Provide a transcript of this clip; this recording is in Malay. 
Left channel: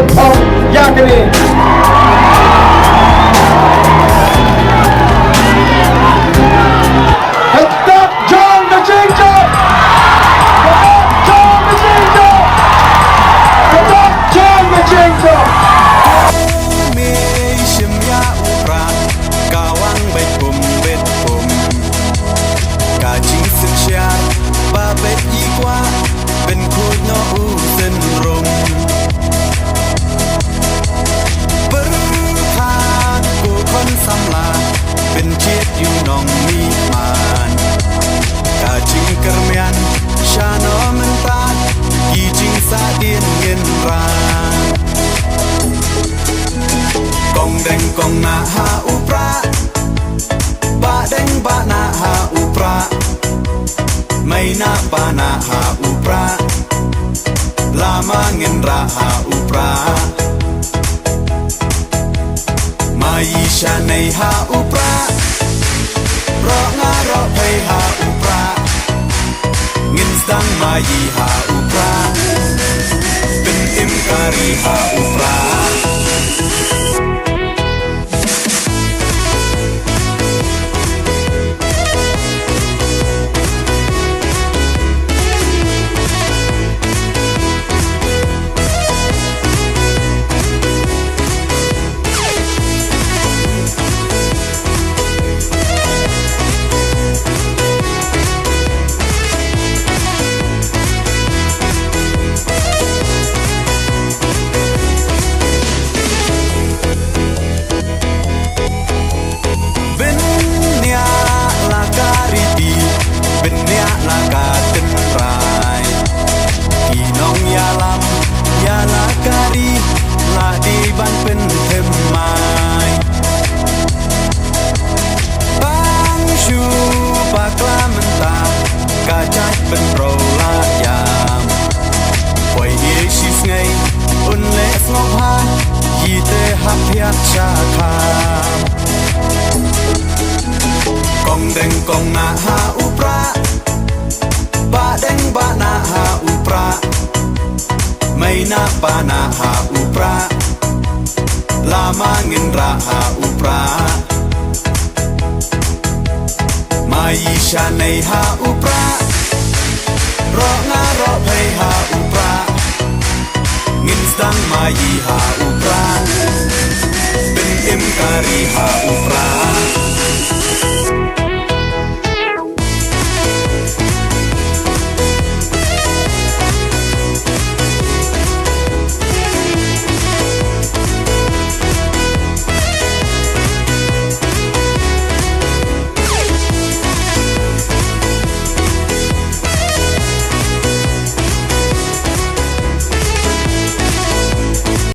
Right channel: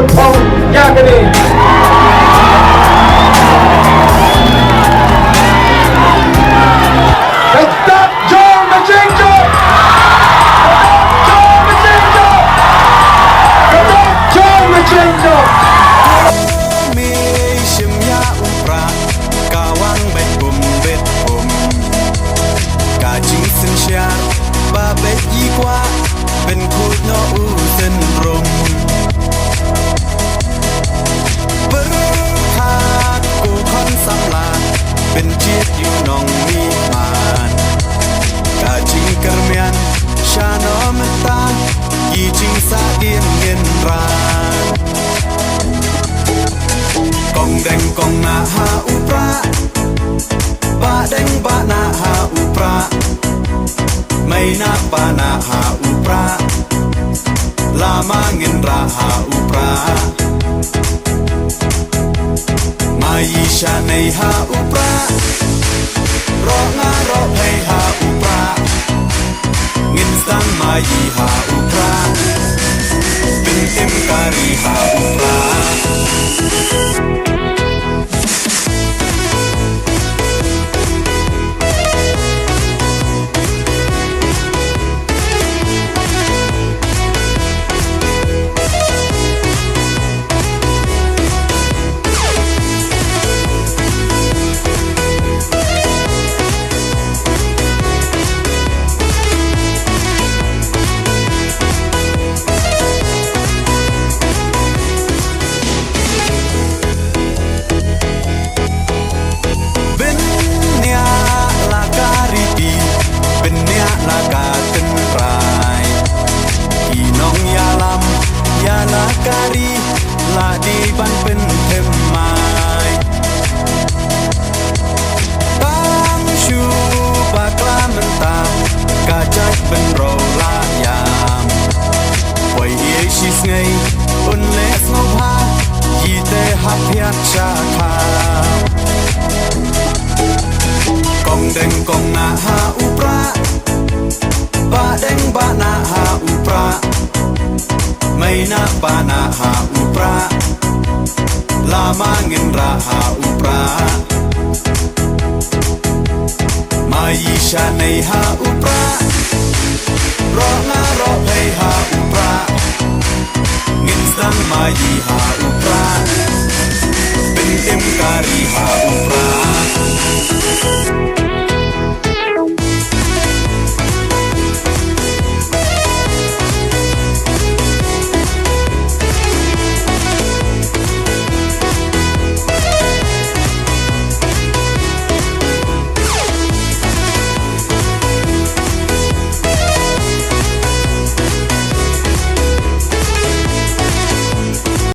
คนทองยากกันเองStop John Majenko! Stop John Majenko! Stop John Majenko! Mishim ya upra kawang bet bum Kajing sen syar ba bet ikwa ben khut no u sen rum Berkat ku kon samla ben chiet yu nong mi man Kajing kermian shano menta kijing sa dien ngin ran Kong deng kong na ha upra Ba deng ba na ha upra May na pa na ha upra Lama ngin ra ha upra Mai sha nei ha upra Ro nga ro pay ha upra Ngin sang mai ha upra Bin im kari ha upra Benya laka tenrai Kinong yalam yala kari La di ban pen themai Bang shu bakla menta Kacak ben ro la yam Poi ye shis ngai Un les ngop ha Yite hap hiat shakam Kong deng kong na ha upra Ba deng ba na ha upra May na pa na ha upra Lama ngin ra ha upra Mai sha nei ha upra Ro nga ro pay ha upra Ngin sang mai ha upra Bin im kari ha upra